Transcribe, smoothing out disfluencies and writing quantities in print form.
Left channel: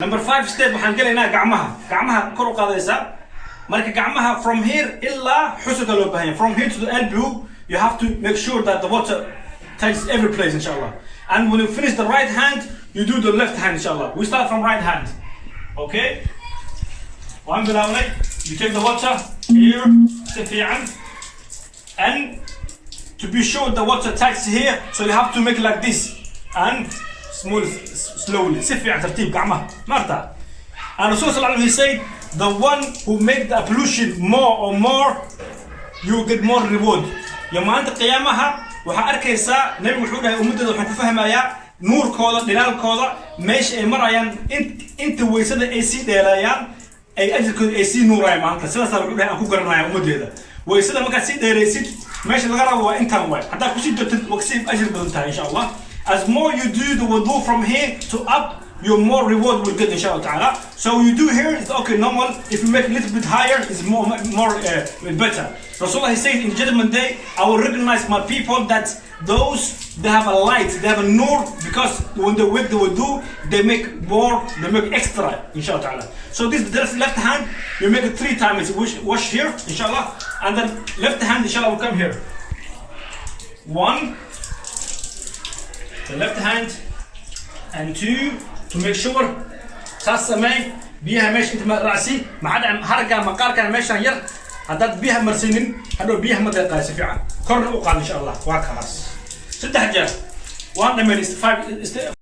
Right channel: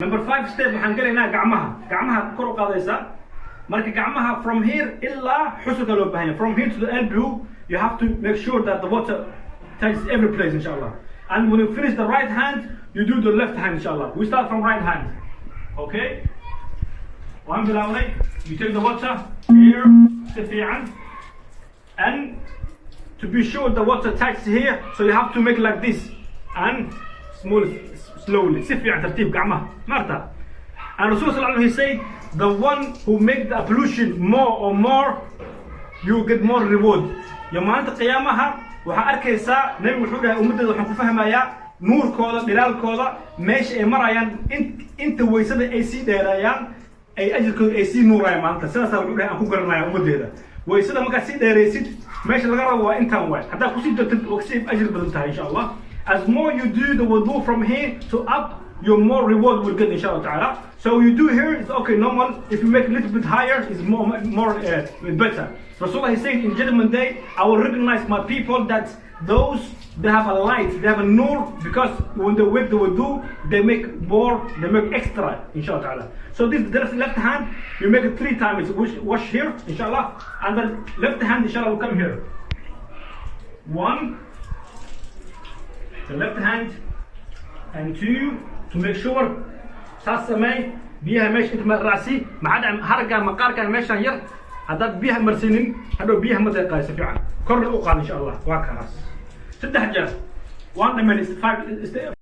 Number 5 step waxaan gelaynaa gacmaha kor u qaadaysa marka gacmaha from here ilaa xusulka loo baahan yahay from here to the elbow you have to make sure that the water takes every place inshallah and when you finish the right hand you do the left hand inshallah we start from right hand okay waan bilawnay you take the water here si fiican and to be sure the water takes here so you have to make like this and smooth slowly si fiican tartiib gacmaha maarta and Rasul sallallahu alayhi said the one who make the pollution more you get more reward ya maanta qiyaamaha waxa arkaysaa nabi wuxuu dhahay ummadada waxaan ku fahmayaa nuurkooda dhilaalkooda meesha ay marayaan inta weysada ay sii dheerayaan ay ajirkooda ay sii nuurayaan maanta sidaas wuxuu dhahay aan ku garanayaa ummadeeda weysada marka sii dheeraysid meesha laga rabo waa intaan way hadaa ku sii dartid waqsi ajir badan tahay insha Allah. As more you do the wudu from here to up, your more reward will get inshallah ta'ala. So you do here, it's okay, normal. If you make a little bit higher, it's more better. Rasulullah said in Judgment Day, I will recognize my people that those, they have a light, they have a nur, because when they make the wudu, they make extra, inshallah ta'ala. So this left hand, you make it 3 times, wash here, inshallah, and then left hand, inshallah, will come here. 1, the left hand, and 2 to make sure تاسمي بيها ماشي انت راسي ما عاد هرجع مقار كان ماشي ير هداد بيها مرسينين هدو بيها مدقة سفيعة كل أوقات إن شاء الله وهكذا 6 حاجات 1 من 5